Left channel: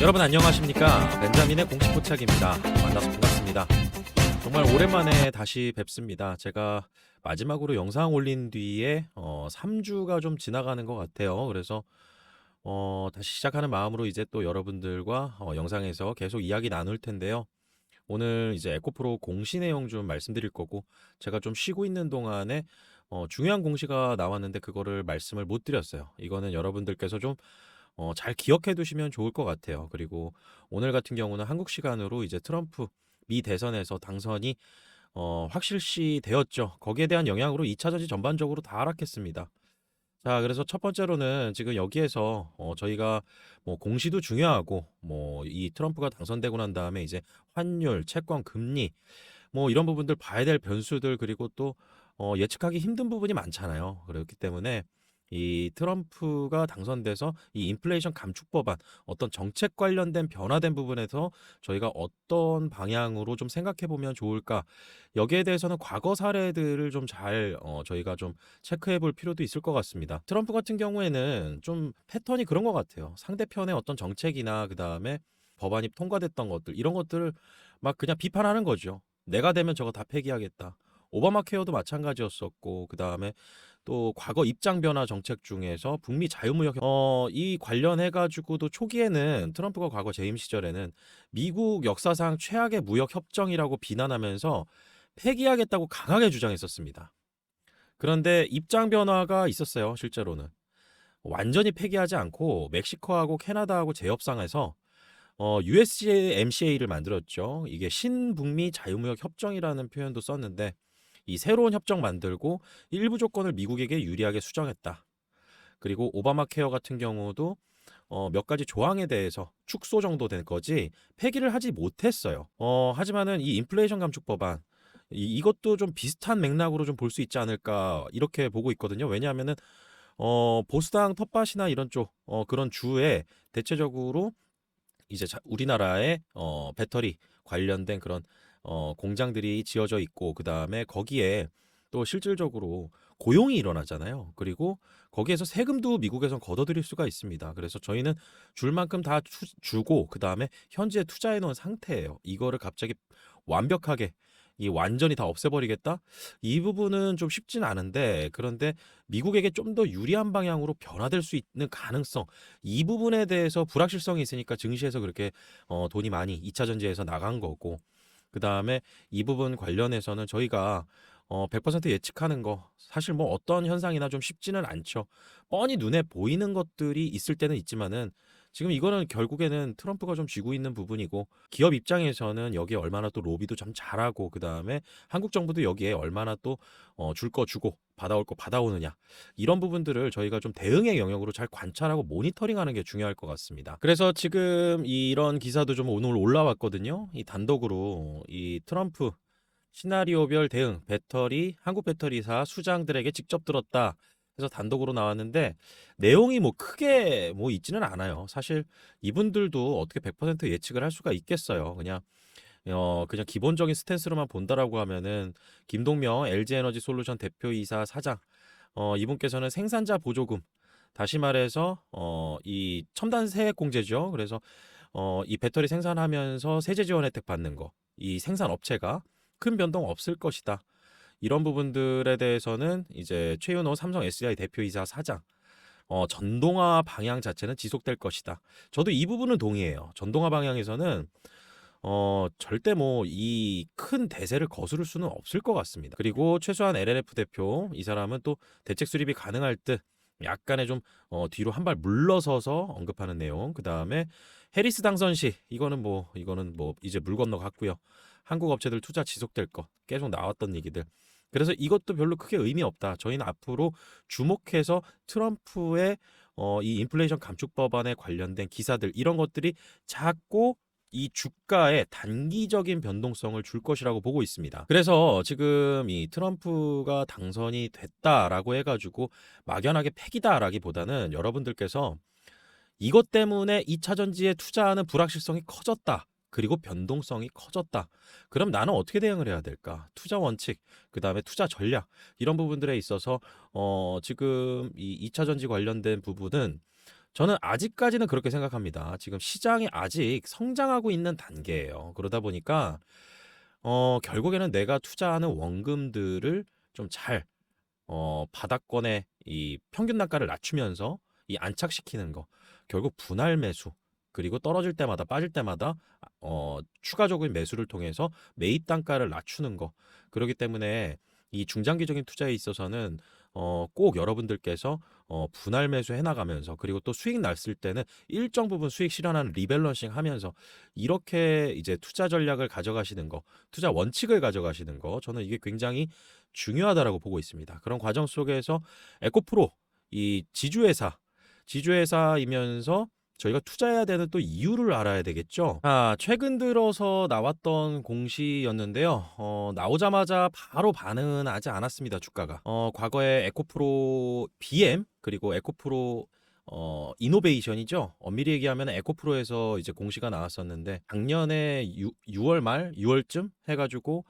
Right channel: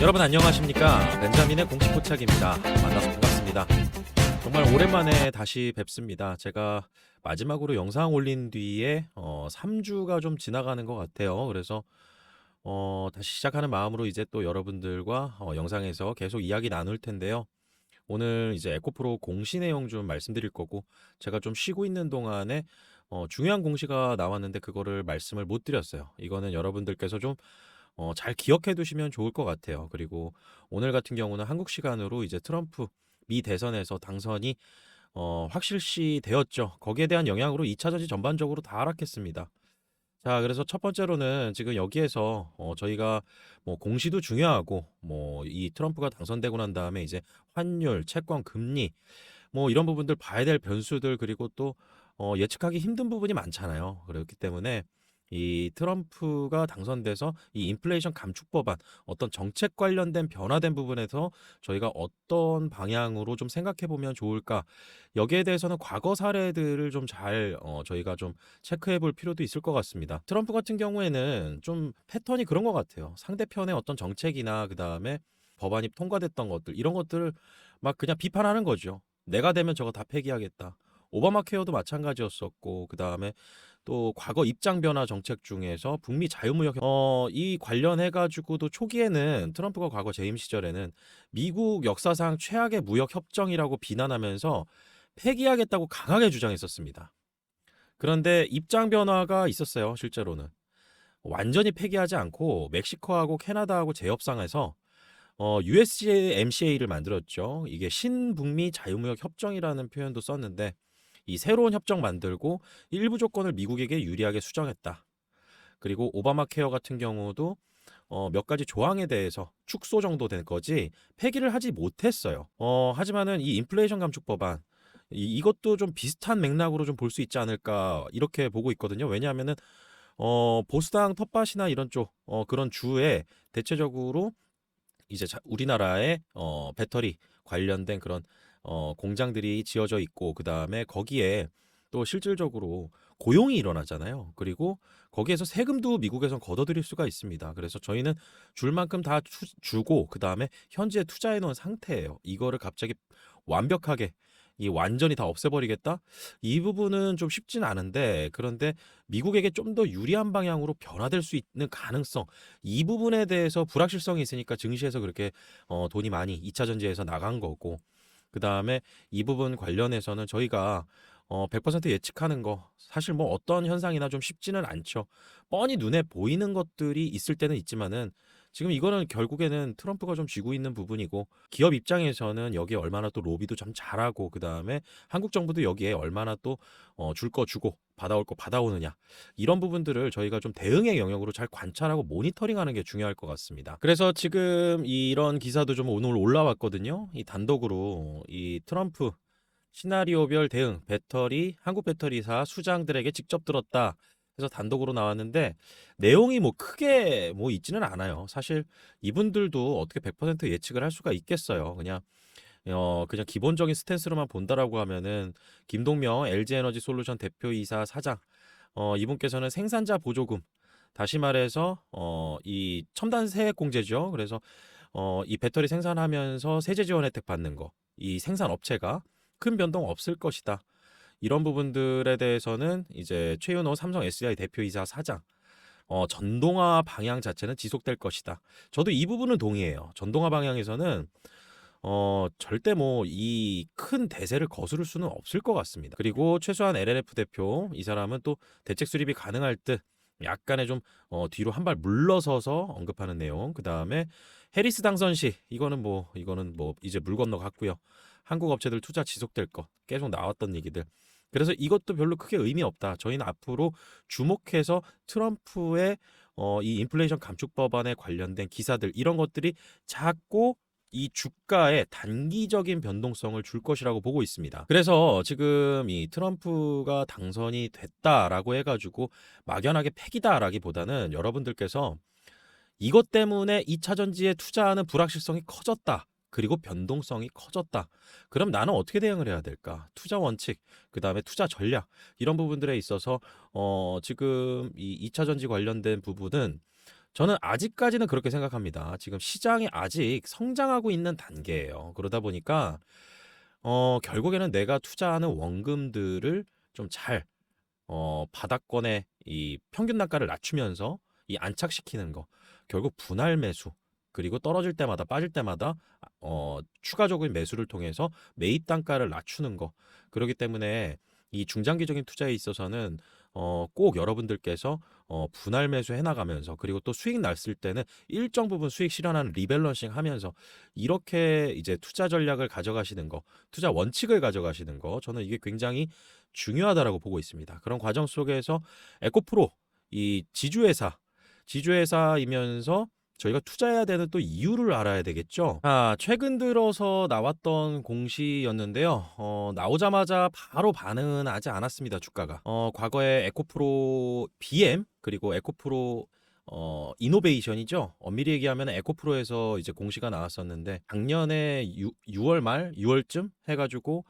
여러분 안녕하십니까? 벤자민의 공식 포착입니다. 만나서 반갑습니다. 정말 오랜만에 다시 뵙습니다. 제가 마지막으로 영상 올린 뒤에 3주가 좀 지나가는 것 같아요. 그래서 다시 시작하는 마음으로 이제 또 여러분들과 영상에서 계속 이야기 나눌 텐데요. 오늘 이제 에코프로 공시 내용 좀 말씀드릴 거고, 제가 좀 쉬고 있는 동안에 중요한 공시가 나왔는데 그거를 말씀을 못 드렸어요. 이거는 여러분들께서 좀 잘 기억해 두시면 좋을 것 같아요. 그리고 오늘 같은 경우는 한국 시간으로 이제 트럼프 미 대선에서 당선이 확실시 되었죠. 거기에 대한 영향으로 2차 전지 전반적으로 다 하락했습니다. 자, 그래서 첫 번째로는 지금 여기에서 저희가 뭐 공시도 중요하고 뭐 이 트럼프가 당선되고 난 다음에 이제 환율, 채권, 금리 뭐 이런 부분들 봐야 될 변수들, 그리고 또 예측하기 힘든 부분이 많잖아요. 그렇기 때문에 이 트럼프가 당선돼서 이 인플레이션 감축 법안, 어떤 정책 관련된 변화된 부분에서 저희가 어떤 방향으로 좀 생각해 보면 좋을까, 여기에 대해서는 과거 사례들을 좀 잘 저희가 좀 체크해 볼 필요도 있을 것 같습니다. 트럼프 같은 경우에는 좀 패턴이 그런 것 같아요. 상대편의 어떤 정책이나 그 다음에 법안이 통과됐던 것들, 이런 것들을 막 그냥 비판하는 거죠. 내가 되면 저거 다 폐기하겠다. 오바마 케어도 마찬가지였었고, 그 다음에 또 과거 입장 변화 정책 중에서 북미 자유무역 이 관련해 가지고도 초기에는 트럼프가 과거 재임 시절에는 미국 역사상 최악의 무역 협정이라고 비난하면서 폐기하겠다고 강하게 주장했었습니다. 그런데 입장 변화가 있었어요, 실제로는. 완전히 폐기하지 않고 멕시코하고 캐나다하고 재협상해서 USMCA를 만들었죠. 이게 신북미 자유무역 협정이라는 표현도 썼는데, 이 새로운 협정 만들고 일부 조건을 미국에게 유리하게 수정했다. 그리고 오바마 케어 같은 경우도 몇 가지 조항에 대해서 축소 정도 된 거지 폐기를 하지 못했어요. 하지만은 이 인플레이션 감축 법안, 이것도 좀 비슷한 맥락으로 좀 볼 수 있지 않을까, 이렇게 보고 있거든요. 왜냐하면은 보수당 텃밭이나 이런 쪽 그런 주에 대체적으로 이제 우리나라의 배터리 관련된 그런 공장들이 지어져 있고, 그 다음에 거기에 또 실질적으로 고용이 일어나잖아요. 그리고 거기에서 세금도 미국에선 걷어들일 수가 있습니다. 그래서 저희는 줄 만큼 다 주고, 그 다음에 현지에 투자해 놓은 상태예요. 이거를 갑자기 완벽하게 이 완전히 다 없애버리겠다? 이 부분은 좀 쉽진 않은데, 그런데 미국에게 좀 더 유리한 방향으로 변화될 수 있는 가능성, 이 부분에 대해서 불확실성이 있으니까 증시에서 그렇게 돈이 많이 2차 전지에서 나간 거고, 그 다음에 이 부분 관련해서는 저희가 100% 예측하는 거 사실 뭐 어떤 현상이나 좀 쉽지는 않죠. 뻔히 눈에 보이는 것들이 있을 때는 있지만은, 지금 이거는 결국에는 트럼프가 좀 쥐고 있는 부분이고, 기업 입장에서는 여기에 얼마나 또 로비도 좀 잘하고, 그 다음에 한국 정부도 여기에 얼마나 또 줄 거 주고 받아올 거 받아오느냐, 이런 부분들을 저희가 좀 대응의 영역으로 잘 관찰하고 모니터링하는 게 중요할 것 같습니다. 그래서 지금 이런 기사도 좀 오늘 올라왔거든요. 이 단독으로 이 트럼프 시나리오별 대응, 배터리, 한국 배터리사 수장들에게 직접 들었다. 그래서 단독으로 나왔는데 내용이 뭐 크게 뭐 있지는 않아요. 사실 이분들도 어떻게 100% 예측을 할 수가 있겠어요. 그냥 기본적인 스탠스로만 본다라고 하면은, 김동명 LG에너지 솔루션 대표이사 사장, 이분께서는 생산자 보조금, 다시 말해서 이 첨단 세액 공제죠. 그래서 이 배터리 생산하면서 세제 지원 혜택 받는 거, 이 생산 업체가 큰 변동 없을 것이다. 이런 부분들에 대해서는 이제 최윤호 삼성 SL 대표이사 사장, 전동화 방향 자체는 지속될 것이다. 저도 이 부분은 동의해요. 전동화 방향에서는 절대 뭐 이 큰 대세를 거스를 수는 없을 것 같습니다. 그리고 최소한 LLF 대표, 이 사람은 또 대책 수립이 가능할 듯 약간의 좀 뒤로 한 발 물러서서 언급하는 내용. 그 다음에 해리스 당선 시, 이거는 뭐 이제 물 건너갔고요. 한국 업체들 투자 지속될 거 계속 나왔던 얘기들. 그래서 이것도 별로 크게 의미 없다. 저희는 앞으로 주목해서 트럼프의 이 인플레이션 감축 법안에 관련된 기사들, 이런 것들이 작고 이 주가에 단기적인 변동성을 줄 것이라고 보고 있습니다. 그래서 지금 이 트럼프가 당선이 됐다라고 해가지고 막연하게 패기다라기보다는, 여러분들께서 이것 때문에 2차 전지에 투자하는 불확실성이 커졌다, 그리고 변동성이 커졌다. 그럼 나는 어떻게 대응을 해야 될까? 투자 원칙, 그 다음에 투자 전략, 이런 부분들에 있어서 지금 이 2차 전지 관련된 부분은 저는 아직까지는 그렇게 생각합니다. 지금 시장이 아직 성장하고 있는 단계예요. 그러다 보니까 결국에는 내가 투자하는 원금들을 좀 잘 바닥권의 이 평균 단가를 낮추면서 이 안착시키는 거. 결국 분할 매수. 그리고 떨어질 때마다 빠질 때마다 추가적인 매수를 통해서 매입 단가를 낮추는 거. 그렇기 때문에 이 중장기적인 투자에 있어서는 꼭 여러분들께서 분할 매수 해나가면서 그리고 또 수익 났을 때는 일정 부분 수익 실현하는 리밸런싱 하면서 이렇게 이제 투자 전략을 가져가시는 거, 투자 원칙을 가져가시는 거, 저는 이게 굉장히 중요하다라고 보고 있습니다. 그런 과정 속에서 에코프로 이 지주회사이면서 저희가 투자해야 되는 또 이유를 알아야 되겠죠. 최근 들어서 나왔던 공시였는데요. 나오자마자 바로 반응은 하지 않았습니다. 주가가. 과거에 에코프로 BM 그리고 에코프로 이노베이션이죠. 엄밀히 얘기하면 에코프로에서 이제 공시가 나왔었는데 작년에 6월 말 6월쯤 해가지고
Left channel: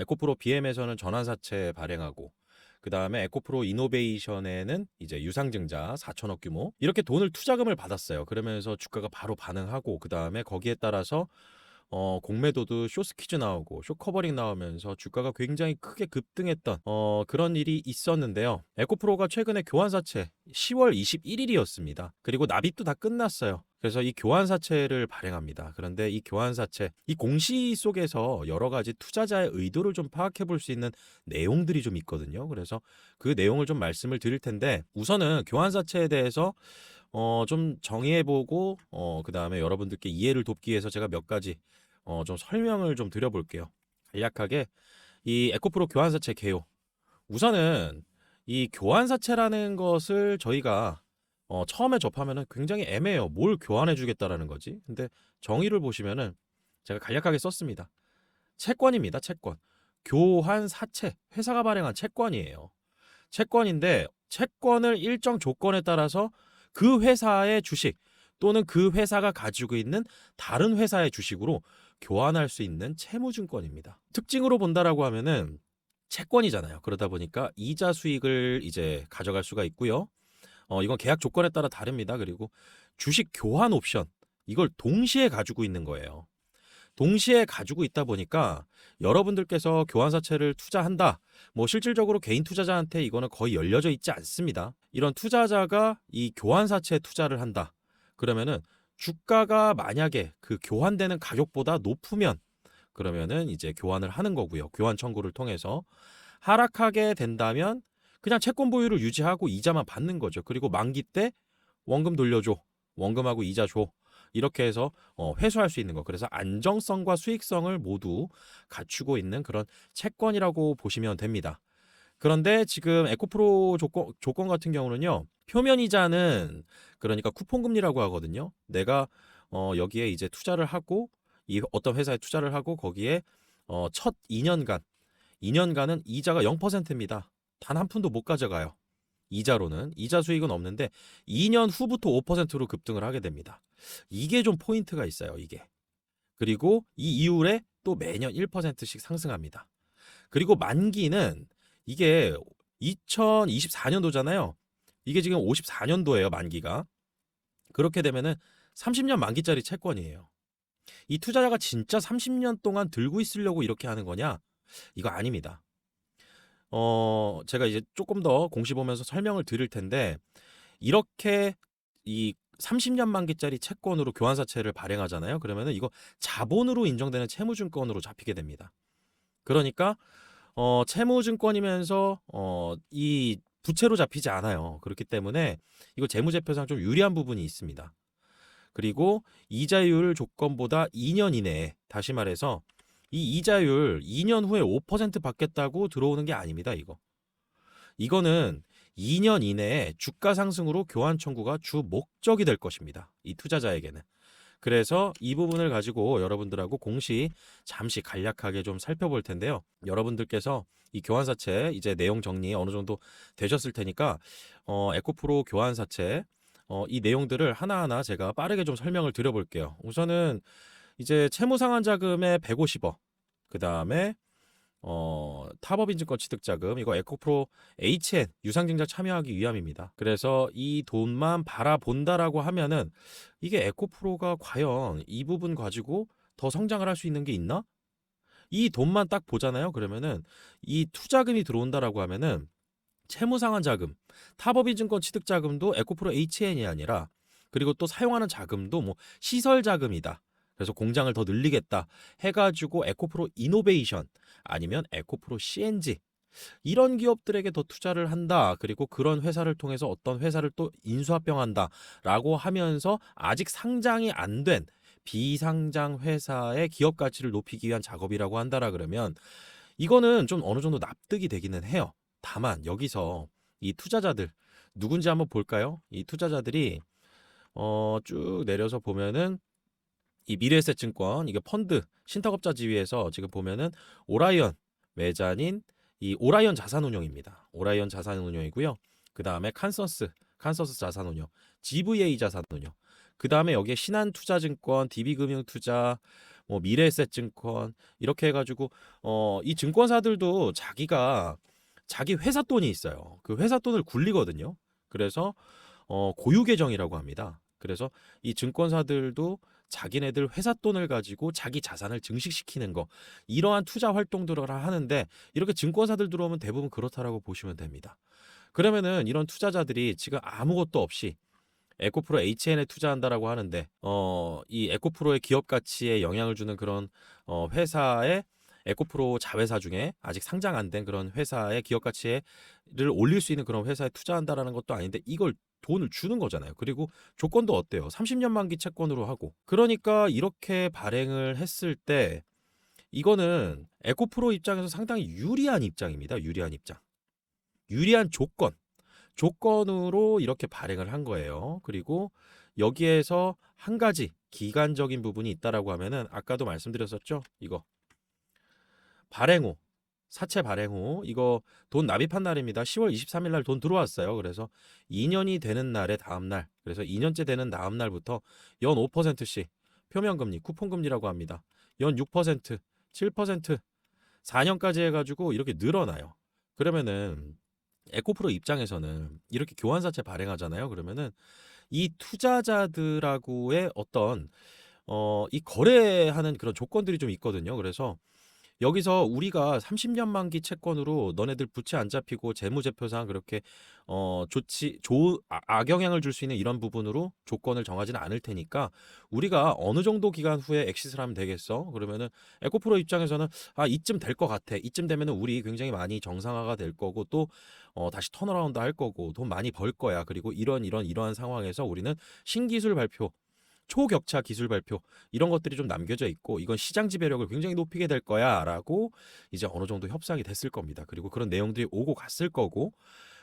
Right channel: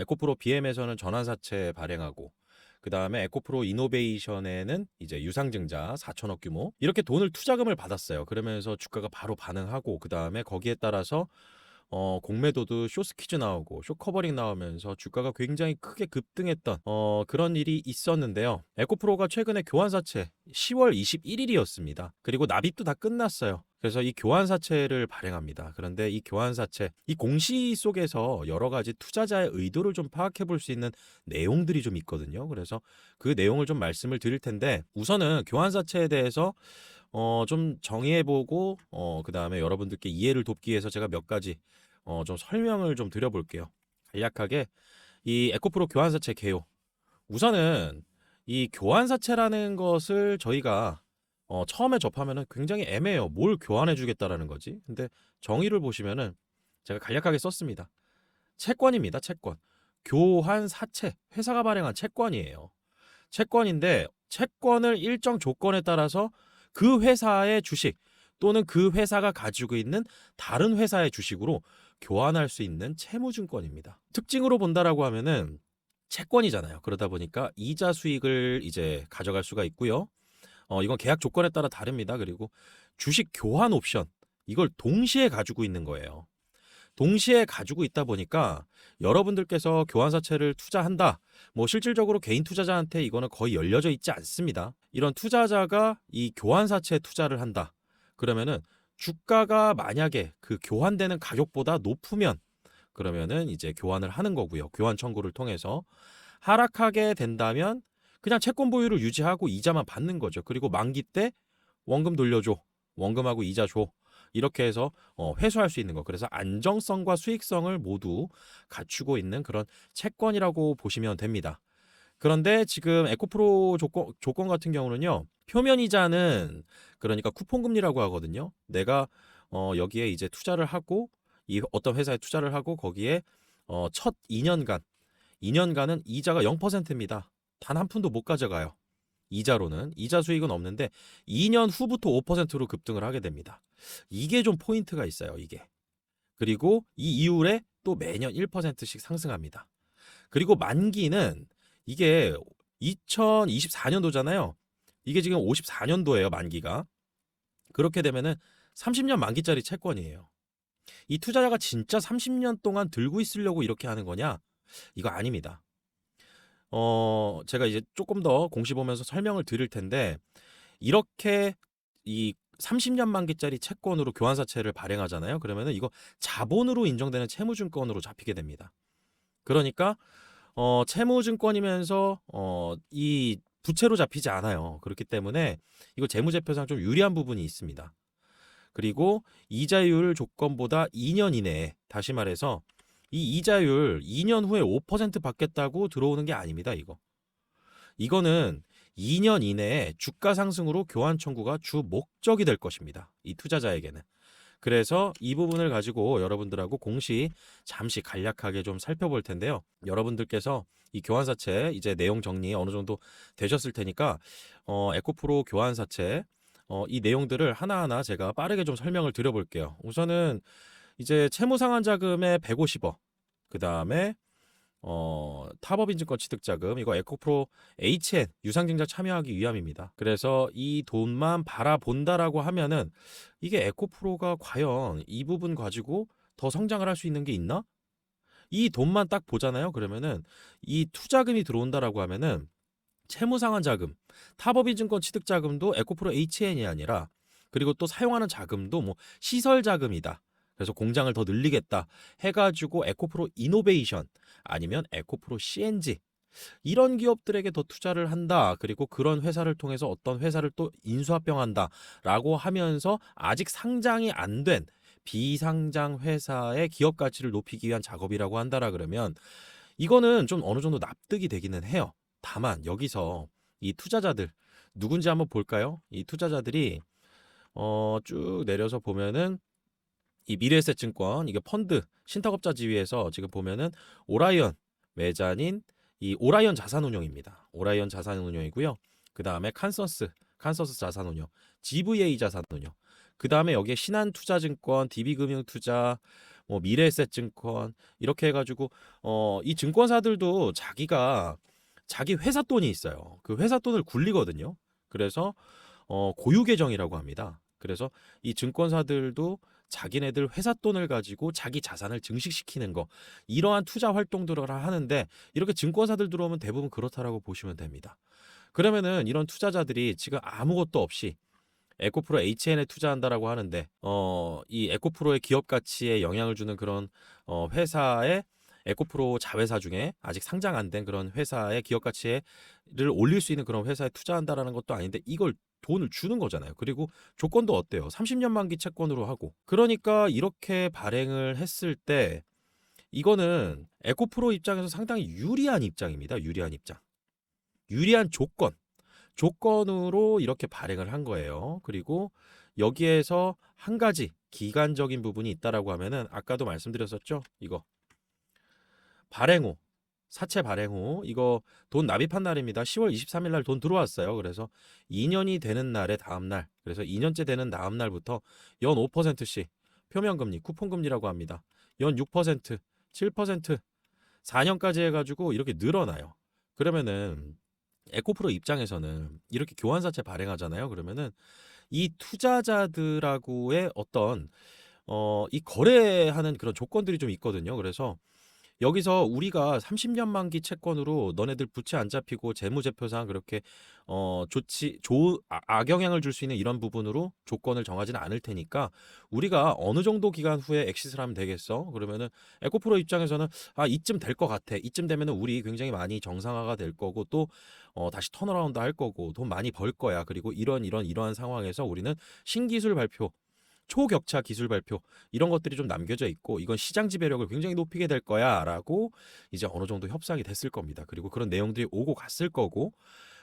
에코프로 BM에서는 전환사채 발행하고 그 다음에 에코프로 이노베이션에는 이제 유상증자 4천억 규모 이렇게 돈을 투자금을 받았어요. 그러면서 주가가 바로 반응하고 그 다음에 거기에 따라서 공매도도 쇼스퀴즈 나오고 쇼커버링 나오면서 주가가 굉장히 크게 급등했던 그런 일이 있었는데요. 에코프로가 최근에 교환사채 10월 21일이었습니다. 그리고 납입도 다 끝났어요. 그래서 이 교환사채를 발행합니다. 그런데 이 교환사채, 이 공시 속에서 여러 가지 투자자의 의도를 좀 파악해 볼 수 있는 내용들이 좀 있거든요. 그래서 그 내용을 좀 말씀을 드릴 텐데 우선은 교환사채에 대해서 좀 정의해보고 그 다음에 여러분들께 이해를 돕기 위해서 제가 몇 가지 좀 설명을 좀 드려볼게요. 간략하게 이 에코프로 교환사채 개요. 우선은 이 교환사채라는 것을 저희가 처음에 접하면은 굉장히 애매해요. 뭘 교환해주겠다라는 거지. 근데 정의를 보시면은 제가 간략하게 썼습니다. 채권입니다. 채권. 교환사채. 회사가 발행한 채권이에요. 채권인데 채권을 일정 조건에 따라서 그 회사의 주식 또는 그 회사가 가지고 있는 다른 회사의 주식으로 교환할 수 있는 채무증권입니다. 특징으로 본다라고 하면은 채권이잖아요. 그러다 보니까 이자 수익을 이제 가져갈 수가 있고요. 이건 계약 조건에 따라 다릅니다. 그리고 주식 교환 옵션 이걸 동시에 가지고 있는 거예요. 동시에 가지고 있다 보니까 여러분들께서 교환사채를 투자한다. 뭐 실질적으로 개인 투자자한테 이거는 거의 열려져 있지 않습니다. 이런 투자자가 이 교환사채에 투자를 한다. 그러면은 주가가 만약에 그 교환되는 가격보다 높으면 그러면은 이제 교환을 하는 거고요. 교환 청구를 통해서 하락하게 된다면 그냥 채권 보유를 유지하고 이자만 받는 거죠. 그리고 만기 때 원금 돌려줘. 원금하고 이자 줘. 이렇게 해서 회수할 수 있는 거. 그래서 안정성과 수익성을 모두 갖추고 있는 그런 채권이라고 보시면 됩니다. 그런데 지금 에코프로 조건 같은 경우는요. 표면 이자는 그러니까 쿠폰 금리라고 하거든요. 내가 여기에 이제 투자를 하고 이 어떤 회사에 투자를 하고 거기에 첫 2년간은 이자가 0%입니다. 단 한 푼도 못 가져가요. 이자로는 이자 수익은 없는데 2년 후부터 5%로 급등을 하게 됩니다. 이게 좀 포인트가 있어요, 이게. 그리고 이 이후에 또 매년 1%씩 상승합니다. 그리고 만기는 이게 2024년도잖아요. 이게 지금 54년도예요, 만기가. 그렇게 되면은 30년 만기짜리 채권이에요. 이 투자자가 진짜 30년 동안 들고 있으려고 이렇게 하는 거냐? 이거 아닙니다. 제가 이제 조금 더 공시 보면서 설명을 드릴 텐데, 이렇게 이 30년 만기짜리 채권으로 교환사채를 발행하잖아요. 그러면은 이거 자본으로 인정되는 채무증권으로 잡히게 됩니다. 그러니까, 채무증권이면서, 이 부채로 잡히지 않아요. 그렇기 때문에 이거 재무제표상 좀 유리한 부분이 있습니다. 그리고 이자율 조건보다 2년 이내에, 다시 말해서 이 이자율 2년 후에 5% 받겠다고 들어오는 게 아닙니다, 이거. 이거는 2년 이내에 주가 상승으로 교환 청구가 주 목적이 될 것입니다. 이 투자자에게는. 그래서 이 부분을 가지고 여러분들하고 공시 잠시 간략하게 좀 살펴볼 텐데요. 여러분들께서 이 교환사채 이제 내용 정리 어느 정도 되셨을 테니까 에코프로 교환사채 이 내용들을 하나하나 제가 빠르게 좀 설명을 드려볼게요. 우선은 이제 채무상환자금의 150억, 그 다음에 타법인증권 취득자금, 이거 에코프로 HN 유상증자 참여하기 위함입니다. 그래서 이 돈만 바라본다라고 하면은 이게 에코프로가 과연 이 부분 가지고 더 성장을 할 수 있는 게 있나? 이 돈만 딱 보잖아요. 그러면은 이 투자금이 들어온다라고 하면은 채무상환 자금, 타법인증권 취득자금도 에코프로 HN이 아니라, 그리고 또 사용하는 자금도 뭐 시설 자금이다. 그래서 공장을 더 늘리겠다 해가지고 에코프로 이노베이션 아니면 에코프로 CNG 이런 기업들에게 더 투자를 한다. 그리고 그런 회사를 통해서 어떤 회사를 또 인수합병한다라고 하면서 아직 상장이 안 된 비상장 회사의 기업 가치를 높이기 위한 작업이라고 한다라 그러면 이거는 좀 어느 정도 납득이 되기는 해요. 다만 여기서 이 투자자들 누군지 한번 볼까요? 이 투자자들이 쭉 내려서 보면은 이 미래에셋증권 이게 펀드 신탁업자 지위에서 지금 보면은 오라이언 외자닌 이 오라이언 자산운용입니다. 오라이언 자산운용이고요. 그 다음에 칸서스 자산운용, GVA 자산운용. 그 다음에 여기에 신한투자증권, DB금융투자, 뭐 미래에셋증권 이렇게 해가지고 이 증권사들도 자기가 자기 회사 돈이 있어요. 그 회사 돈을 굴리거든요. 그래서 고유 계정이라고 합니다. 그래서 이 증권사들도 자기네들 회사 돈을 가지고 자기 자산을 증식시키는 거, 이러한 투자 활동들을 하는데 이렇게 증권사들 들어오면 대부분 그렇다라고 보시면 됩니다. 그러면은 이런 투자자들이 지금 아무것도 없이 에코프로 HN에 투자한다라고 하는데 이 에코프로의 기업 가치에 영향을 주는 그런 회사의 에코프로 자회사 중에 아직 상장 안 된 그런 회사의 기업 가치를 올릴 수 있는 그런 회사에 투자한다라는 것도 아닌데 이걸 돈을 주는 거잖아요. 그리고 조건도 어때요? 30년 만기 채권으로 하고. 그러니까 이렇게 발행을 했을 때 이거는 에코프로 입장에서 상당히 유리한 입장입니다. 유리한 입장. 유리한 조건으로 이렇게 발행을 한 거예요. 그리고 여기에서 한 가지 기간적인 부분이 있다라고 하면은 아까도 말씀드렸었죠. 이거 발행후, 사채 발행후 이거 돈 납입한 날입니다. 10월 23일 날 돈 들어왔어요. 그래서 2년이 되는 날의 다음 날, 그래서 2년째 되는 다음 날부터 연 5%씩 표면금리, 쿠폰금리라고 합니다. 연 6%, 7%, 4년까지 해가지고 이렇게 늘어나요. 그러면은 에코프로 입장에서는 이렇게 교환사채 발행하잖아요. 그러면은 이 투자자들하고의 어떤 이 거래하는 그런 조건들이 좀 있거든요. 그래서 여기서 우리가 30년 만기 채권으로 너네들 부채 안 잡히고 재무제표상 그렇게 악영향을 줄 수 있는 이런 부분으로 조건을 정하지는 않을 테니까 우리가 어느 정도 기간 후에 엑시트를 하면 되겠어? 그러면은 에코프로 입장에서는 이쯤 될 것 같아. 이쯤 되면은 우리 굉장히 많이 정상화가 될 거고 또 다시 턴어라운드 할 거고 돈 많이 벌 거야. 그리고 이러한 상황에서 우리는 신기술 발표, 초격차 기술 발표 이런 것들이 좀 남겨져 있고 이건 시장 지배력을 굉장히 높이게 될 거야라고 이제 어느 정도 협상이 됐을 겁니다. 그리고 그런 내용들이 오고 갔을 거고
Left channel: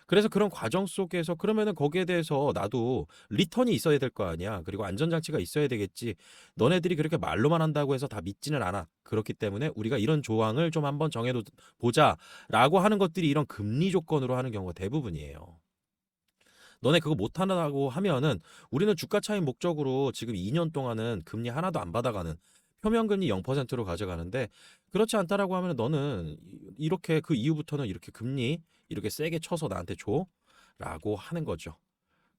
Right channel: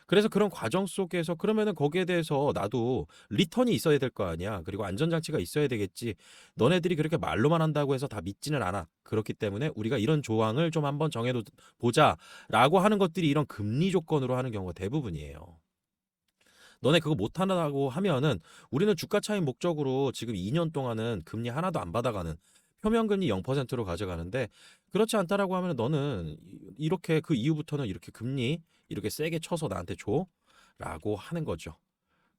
그래서 그런 과정 속에서 그러면은 거기에 대해서 나도 리턴이 있어야 될 거 아니야. 그리고 안전장치가 있어야 되겠지. 너네들이 그렇게 말로만 한다고 해서 다 믿지는 않아. 그렇기 때문에 우리가 이런 조항을 좀 한번 정해도 보자라고 하는 것들이 이런 금리 조건으로 하는 경우가 대부분이에요. 너네 그거 못하라고 하면은 우리는 주가 차익 목적으로 지금 2년 동안은 금리 하나도 안 받아가는 표면금리 0%로 가져가는데 그렇지 않다라고 하면 너는 이렇게 그 이후부터는 이렇게 금리 이렇게 세게 쳐서 나한테 줘라고 하는 거죠.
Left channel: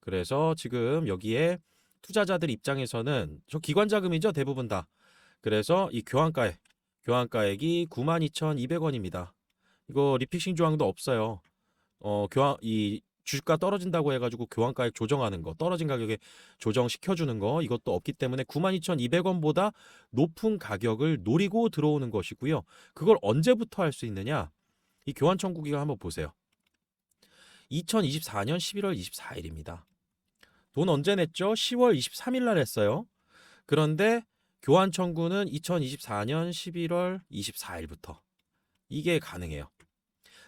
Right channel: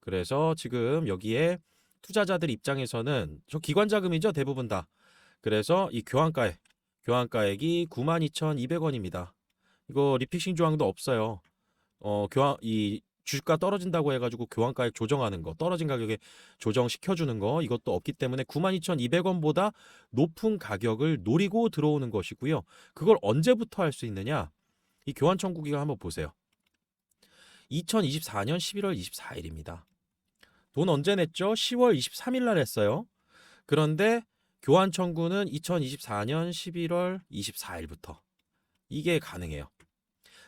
그래서 지금 여기에 투자자들 입장에서는 저 기관 자금이죠 대부분 다. 그래서 이 교환가액이 92,200원입니다. 이거 리픽싱 조항도 없어요. 이 주가 떨어진다고 해가지고 교환가액 조정하는 거, 떨어진 가격에 조정시켜주는 거 이것도 없기 때문에 92,200원보다 높은 가격을 노리고 들어오는 것이고요. 그걸 언제부터 할 수 있느냐? 이 교환 청구 기간 한번 보세요. 2024년 11월 24일입니다. 돈 언제 냈죠? 10월 23일 날 했어요. 그런데 교환 청구는 2024년 11월 24일부터 이게 가능해요.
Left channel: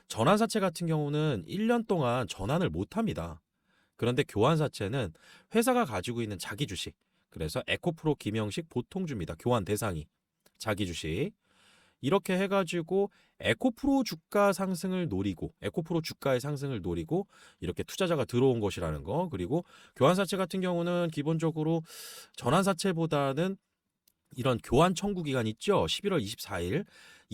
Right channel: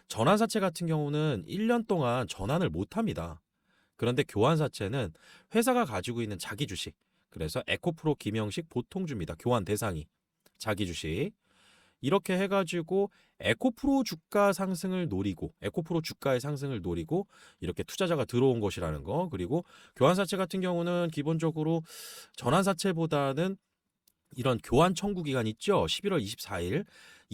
전환사채 같은 경우는 1년 동안 전환을 못 합니다. 그런데 교환사채는 회사가 가지고 있는 자기 주식, 그래서 에코프로 김영식 보통주입니다. 교환 대상이 자기 주식. 이렇게 해가지고 에코프로 주가 상승을 노리고 에코프로 주가의 상승을 노리고 이렇게 투자자가 들어온 것이라는 거. 그리고 교환사채 같은 경우는 기본적으로 전환사채보다는 이런 교환 청구 기간 있죠. 11월 24일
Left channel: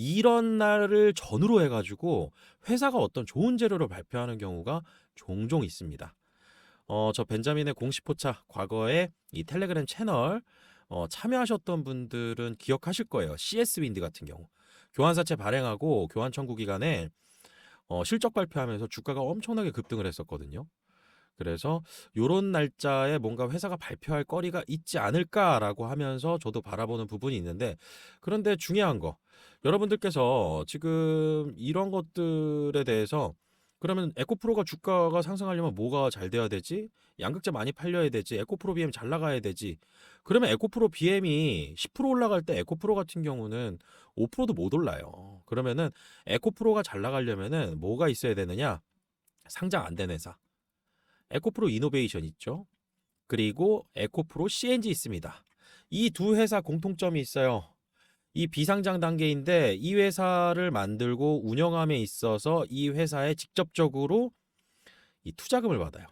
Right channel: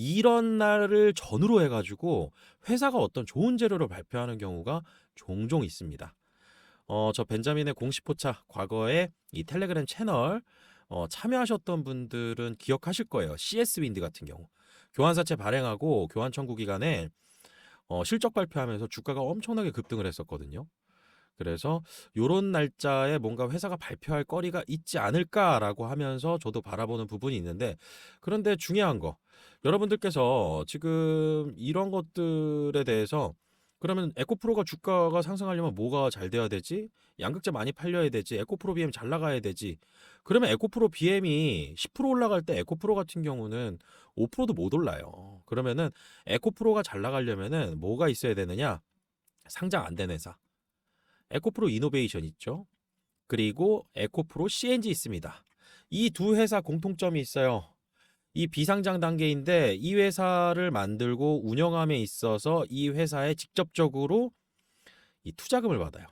이런 날을 전후로 해가지고 회사가 어떤 좋은 재료로 발표하는 경우가 종종 있습니다. 저 벤자민의 공식 포차 과거에 이 텔레그램 채널 참여하셨던 분들은 기억하실 거예요. CS 윈드 같은 경우 교환사채 발행하고 교환 청구 기간에 실적 발표하면서 주가가 엄청나게 급등을 했었거든요. 그래서 요런 날짜에 뭔가 회사가 발표할 거리가 있지 않을까라고 하면서 저도 바라보는 부분이 있는데, 그런데 중요한 거, 여러분들께서 지금 이런 것들에 대해서 그러면 에코프로가 주가가 상승하려면 뭐가 잘 돼야 되지? 양극재 많이 팔려야 되지? 에코프로 BM 잘 나가야 되지? 그러면 에코프로 BM이 10% 올라갈 때 에코프로 같은 경우는 5%도 못 올라요. 그러면은 에코프로가 잘 나가려면은 뭐가 있어야 되느냐? 상장 안 된 회사. 에코프로 이노베이션 있죠. 그리고 에코프로 CNG 있습니다. 이 두 회사 공통점이 있어요. 이 비상장 단계인데 이 회사를 만들고 운영함에 있어서 이 회사에 직접적으로 이 투자금을 받아요.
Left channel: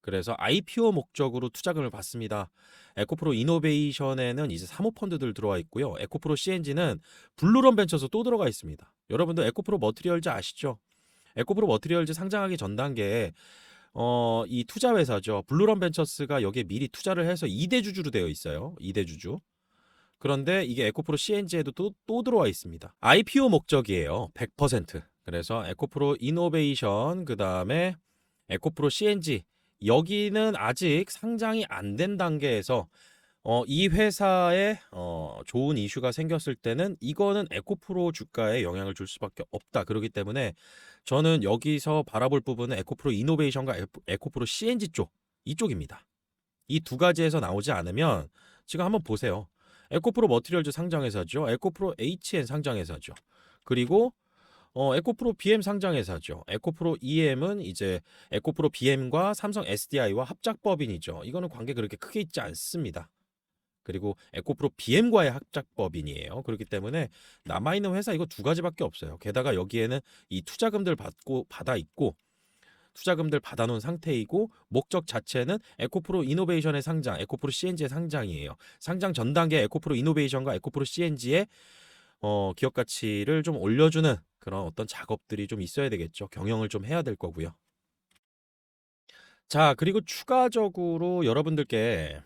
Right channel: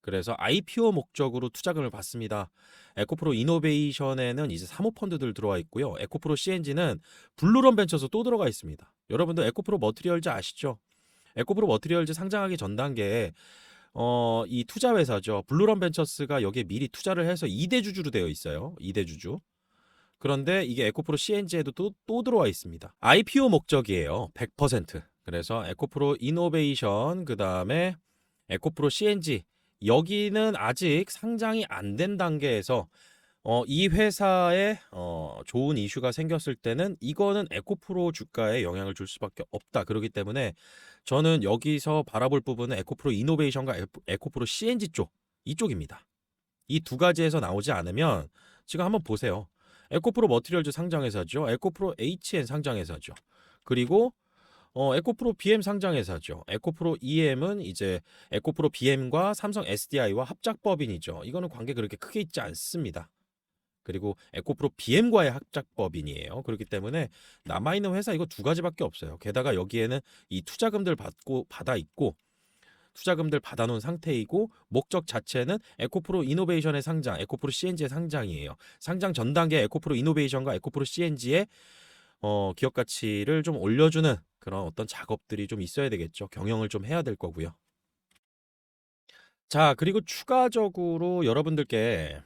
그래서 IPO 목적으로 투자금을 받습니다. 에코프로 이노베이션에는 이제 사모펀드들 들어와 있고요. 에코프로 CNG는 블루런 벤처에서 또 들어가 있습니다. 여러분들 에코프로 머티리얼즈 아시죠? 에코프로 머티리얼즈 상장하기 전 단계에 이 투자 회사죠. 블루런 벤처스가 여기에 미리 투자를 해서 2대 주주로 되어 있어요. 2대 주주. 그런데 이게 에코프로 CNG에도 또 들어와 있습니다. IPO 목적이에요. 100%. 그래서 에코프로 이노베이션, 그 다음에 에코프로 CNG. 여기는 아직 상장이 안 된 단계에서 이 회사에 좋은 이슈가 생겼을 때는 이거는 에코프로 주가에 영향을 줄 수밖에 없다. 그렇기 때문에 저는 여기서 바라볼 부분은 에코프로 이노베이션과 에코프로 CNG 쪽, 이쪽입니다. 이 두 가지에서 나오지 않으면 지금 한번 보세요. 에코프로 머티리얼즈 상장회사죠. 에코프로 HN 상장회사죠. 그리고 에코프로 BM 상장회사죠. 에코프로 EM은 이제 에코프로 BM과 삼성 SDI와 합작법인이죠. 이거는 관계 그렇게 크게 있지 않습니다. 그리고 에코프로 BM과의 합작법인이에요. 그렇기 때문에 남아있는 회사 이거 두 가지밖에 없어요. 게다가 여기에는 이 투자금들 받아 있고 투자금들 받아놓은 상태이고 목적 자체는 에코프로 이노베이션의 상장, 에코프로 CNG의 상장이에요. 상장 전 단계 에코프로 이노베이션과 에코프로 CNG의 기업 가치를 좀 올려주는 그런 어떤 작업들이 좀 있어야 되겠죠. 경영을 좀 해야 될 거고요. 자, 그리고 추가적으로 여러분들께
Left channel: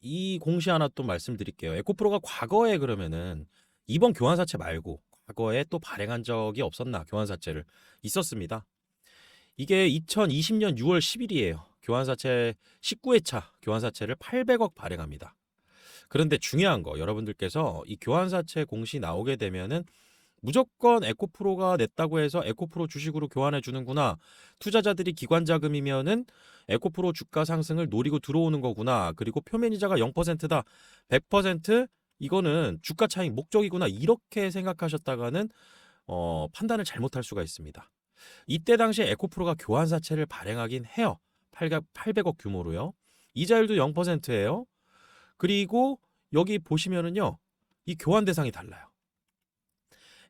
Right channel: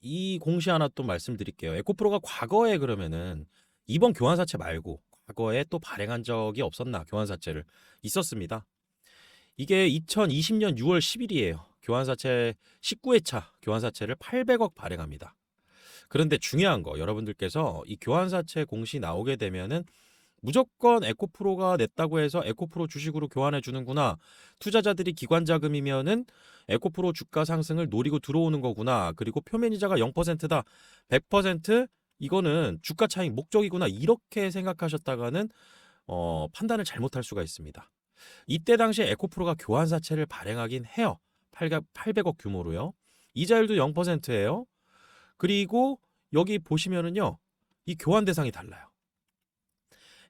이 공시 하나 또 말씀드릴게요. 에코프로가 과거에 그러면은 이번 교환사채 말고 과거에 또 발행한 적이 없었나? 교환사채를 있었습니다. 이게 2020년 6월 10일이에요. 교환사채 19회차 교환사채를 800억 발행합니다. 그런데 중요한 거 여러분들께서 이 교환사채 공시 나오게 되면은 무조건 에코프로가 냈다고 해서 에코프로 주식으로 교환해 주는구나. 투자자들이 기관 자금이면은 에코프로 주가 상승을 노리고 들어오는 거구나. 그리고 표면이자가 0%다. 100% 이거는 주가 차익 목적이구나. 이렇게 생각하셨다가는 판단을 잘못할 수가 있습니다. 이때 당시 에코프로가 교환사채를 발행하긴 해요. 800억 규모로요. 이자율도 0%예요. 그리고 여기 보시면은요. 이 교환 대상이 달라요.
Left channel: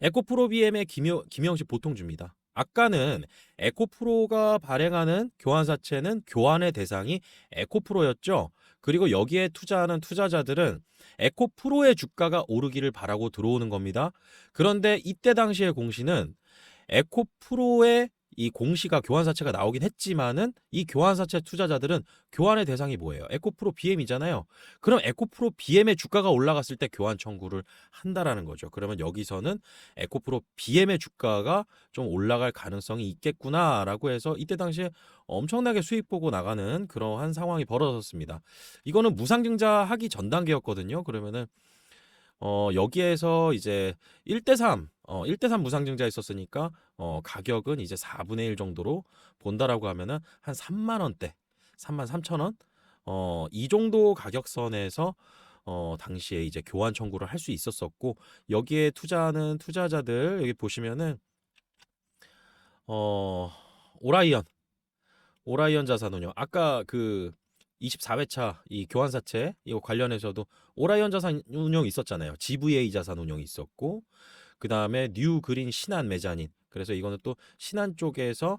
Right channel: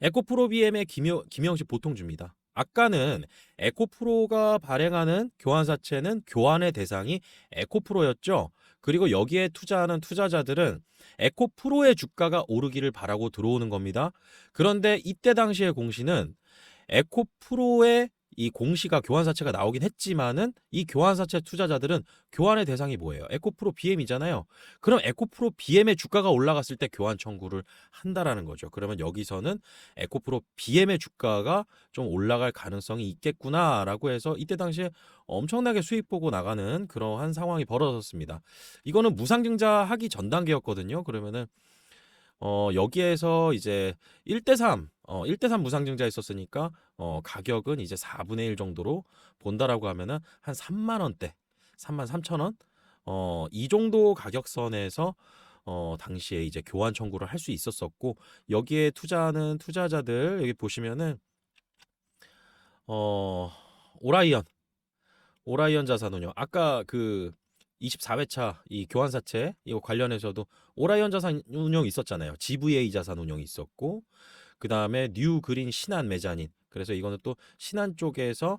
에코프로 BM의 김영식 보통 줍니다. 아까는 에코프로가 발행하는 교환사채는 교환의 대상이 에코프로였죠. 그리고 여기에 투자하는 투자자들은 에코프로의 주가가 오르기를 바라고 들어오는 겁니다. 그런데 이때 당시의 공시는 에코프로의 이 공시가 교환사채가 나오긴 했지만은 이 교환사채 투자자들은 교환의 대상이 뭐예요? 에코프로 BM이잖아요. 그럼 에코프로 BM의 주가가 올라갔을 때 교환 청구를 한다라는 거죠. 그러면 여기서는 에코프로 BM의 주가가 좀 올라갈 가능성이 있겠구나라고 해서 이때 당시에 엄청나게 수익 보고 나가는 그러한 상황이 벌어졌습니다. 이거는 무상증자하기 전 단계였거든요. 그러면은 여기에서 이제 1대3, 1대3 무상증자 했었으니까, 가격은 이제 4분의 1 정도로 본다라고 하면은 한 3만 원대, 3만 3천 원? 이 정도 가격선에서, 당시에 이제 교환 청구를 할 수 있었었고, 여기에 투자하는 투자자들, 여기 보시면은, 어, 오라이언, 오라이언 자산운용. 아까 그 24회차 이 교환사채 이거 관련해서도 오라이언 자산운용 있었잖아요. GVA 자산운용이 있었고 그 다음에 뉴그린 신한 메자닌. 그래서 이거는 또 신한 쪽에서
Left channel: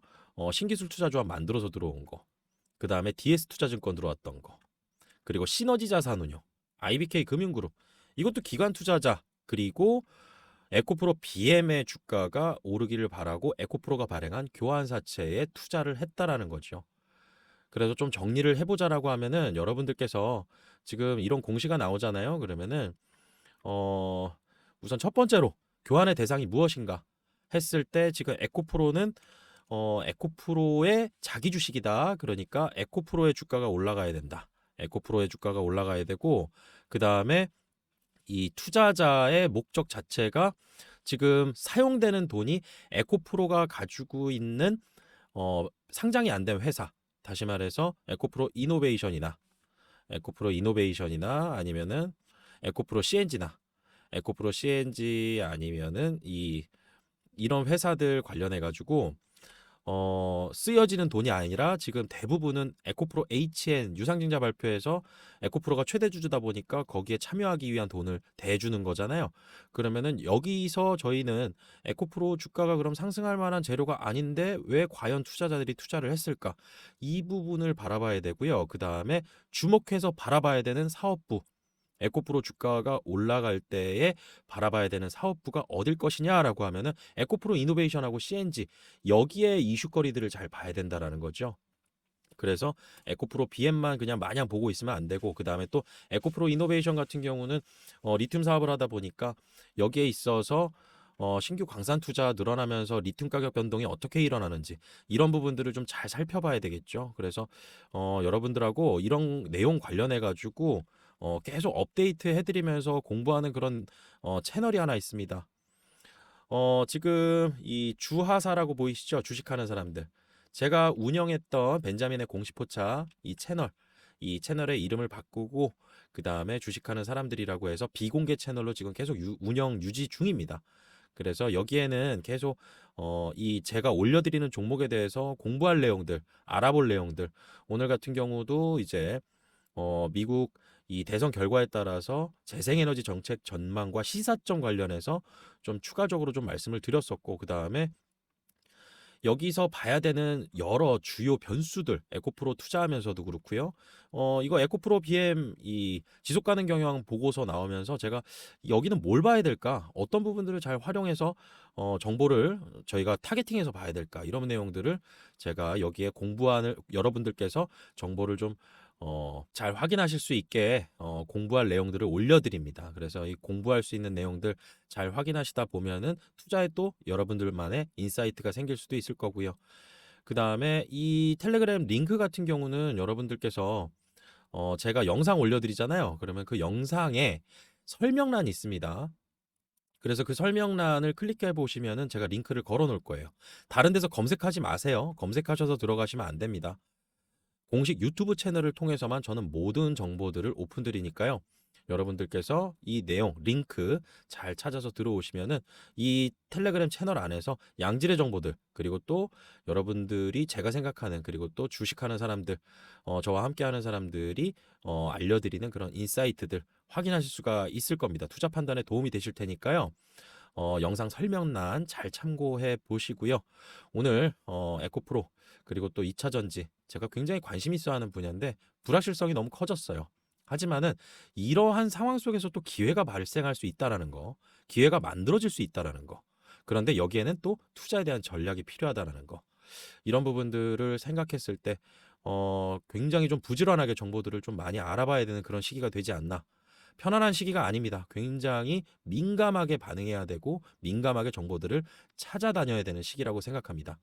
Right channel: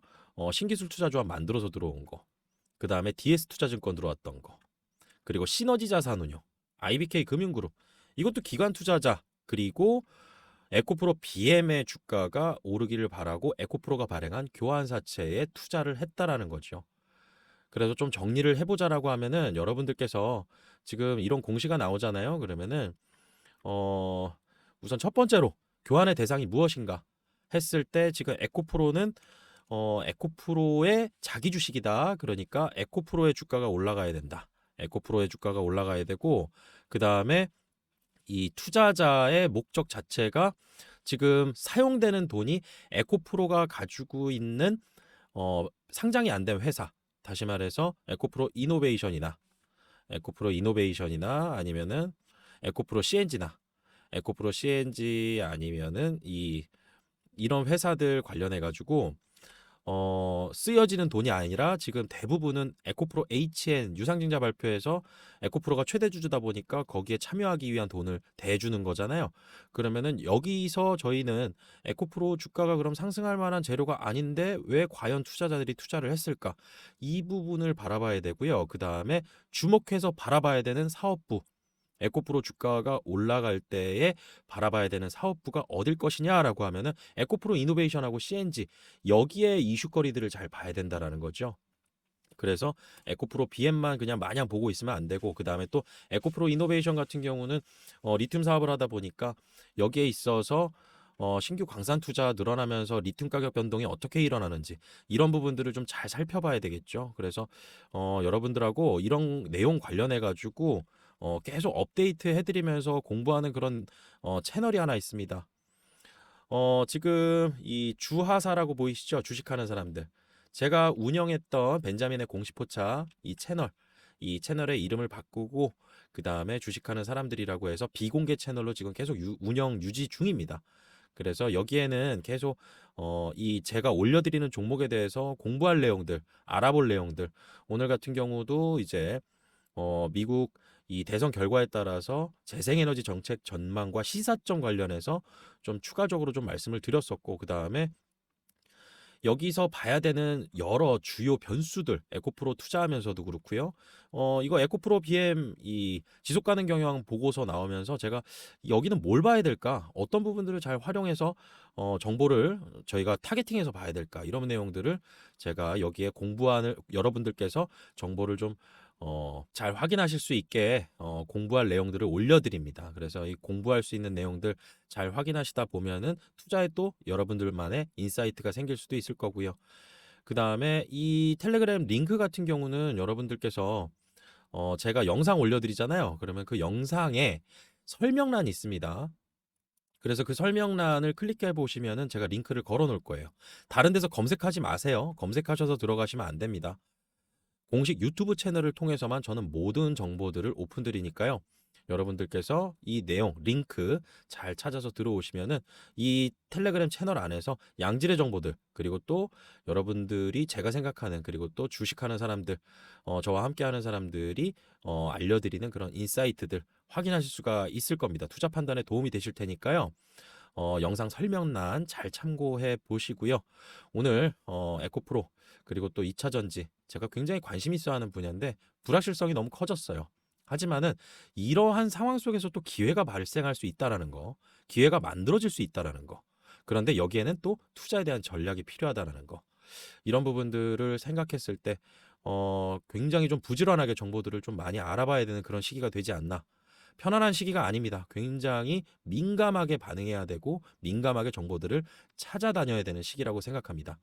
신기술 투자조합 만들어서 들어온 거. 그 다음에 DS투자증권 들어왔던 거. 그리고 시너지 자산운용, IBK 금융그룹. 이것도 기관 투자자. 그리고 에코프로 BM의 주가가 오르기를 바라고 에코프로가 발행한 교환사채에 투자를 했다라는 거죠. 그래서 좀 정리를 해보자라고 하면은 여러분들께서 지금 이런 공시가 나오잖아요. 그러면은 어 우선 첫 번째로 교환의 대상이 무엇인가 했을 때 지금 에코프로는 에코프로의 자기 주식이다. 그러니까 에코프로의 주가가 올라가야 된다. 에코프로의 주가가 올라가야 되고 그 다음에 이 투자자의 목적 자체가 지금 사용되는 돈이 에코프로가 가지고 있는 상장이 안 된 회사, 다시 말해서 에코프로 이노베이션이나 아니면은 에코프로 CNG나 에코프로 CNG 아니면은 이런 회사들 관련해 가지고 쓰여지는 돈이 아니라 지금 대부분은 에코프로 HN 유상증자 발표에서 에코프로가 최대 주주다 보니까 거기에 참여하기 위한 돈을 대주는 거잖아요. 그러면은 여기서 저희는 에코프로 주가가 그럼 상승할 만한 재료가 아닌데 왜 과연 투자자들이 투자를 했을까? 이 부분을 바라봐야 되고요. 그 다음에 주목해서 바라봐야 되는 사업부. 에코프로 주가가 올라갈 때에 바라봐야 되는 사업부가 어딜 것이냐라고 하면은 에코프로 이노베이션하고 CNG 여기에 이슈거리들을 잘 봐야 된다라는 거죠. 그래서 에코프로 BM만 그냥 마냥 보고 있으면 안 되고 그 다음에 또 에코프로 이노베이션 같은 경우는 리튬 사업을 하다 보니까 여기에 있어서 신규 광산 투자 늘어나면서 리튬 가격 변동이 어떻게 일어나는지 이런 부분들을 좀 잘 살펴봐야 되겠죠. 그래서 여러분들하고 이런 내용 관련해 가지고 계속 업데이트 해드리면서 공부하는 그런 채널이 하나 있습니다. 지금 이 주하사라고 보이시죠? 주식하는 사람들. 제가 운영했던 벤자민의 공시포차 이 채널의 이름을 바꾸고 그 다음에 주식하는 사람들이라고 해서 비공개 채널로 지금 계속 운영 유지 중입니다. 그래서 여기에는 계속 이 제가 올려드리는 종목에 대해서 공부할 내용들, 알아볼 내용들. 오늘 같은 경우도 이제 미국 이 대선 결과에 따라서 재생에너지 정책 전망과 시사점 관련해서 좀 추가적으로 좀 말씀을 드렸었고, 그 다음에 여기서 봐야 되는 여러 주요 변수들, 에코프로 투자하면서도 그렇고요. 이거 에코프로 BM 이 지속 가능 경영 보고서 나오면서 제가 여기는 뭘 봐야 될까? 어떤 부분들을 잘 활용해서 정보를 저희가 타겟팅해서 봐야 될까? 이런 내용들을 제가 여기에 공부하는 여러분들께서 정보를 좀 잘 확인하실 수 있게 공부할 내용들을 올려드립니다. 그래서 이 공부할 수 있는 내용들 잘 확인하시다 보면은 투자에 또 여러분들만의 인사이트가 생길 수도 있을 거고요. 그 다음에 이 텔레그램 링크 같은 경우는 여러분들께서 제가 영상 올려드리잖아요. 그러면 그 영상에 설명란이 있습니다. 그래서 그 설명란을 클릭해 보시면은 제가 링크를 걸어 놓을 거예요. 다른 데서 검색하지 마세요. 검색하셔서 들어가시면 안 됩니다. 공식 유튜브 채널을 통해서만 저는 모든 정보들을 오픈드리니까요. 여러분들께서 이 내용, 링크 잘 찾아서 들어오시면은 이 텔레그램 채널 안에서 양질의 정보들, 그리고 또 여러분들이 제가 생각하는, 그리고 또 주식하는 사람들, 저와 함께하는 사람들이 알려드리는 그런 인사이트들 확인하실 수가 있을 겁니다. 투자 판단에 도움이 되실 테니까요. 영상 설명란 잘 참고해 보시고요. 오늘 에코프로 그리고 또 2차 전지 제가 굉장히 관심 있어 하는 분야인데 불확실성이 너무 커졌어요. 하지만은 이러한 상황 속에서 또 기회가 발생할 수 있다라는 거, 기회가 만들어질 수 있다라는 거. 그런데 여기에는 또 투자에 대한 전략이 필요하다라는 거. 이런 부분들을 생각했을 때 굉장히 좀 부지런하게 정보들을 좀 많이 알아봐야 되는 그런 시기가 되지 않나. 편안한 시기가 아닙니다. 굉장히 민감하게 반응해야 되고 민감하게 정보들을 찾아다녀야 되는 시기라고 생각합니다.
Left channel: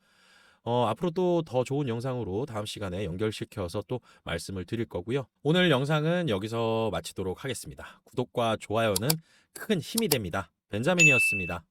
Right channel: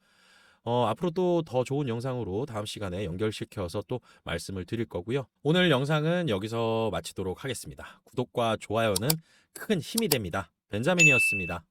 앞으로 또 더 좋은 영상으로 다음 시간에 연결시켜서 또 말씀을 드릴 거고요. 오늘 영상은 여기서 마치도록 하겠습니다. 구독과 좋아요는 큰 힘이 됩니다. 벤자민이었습니다.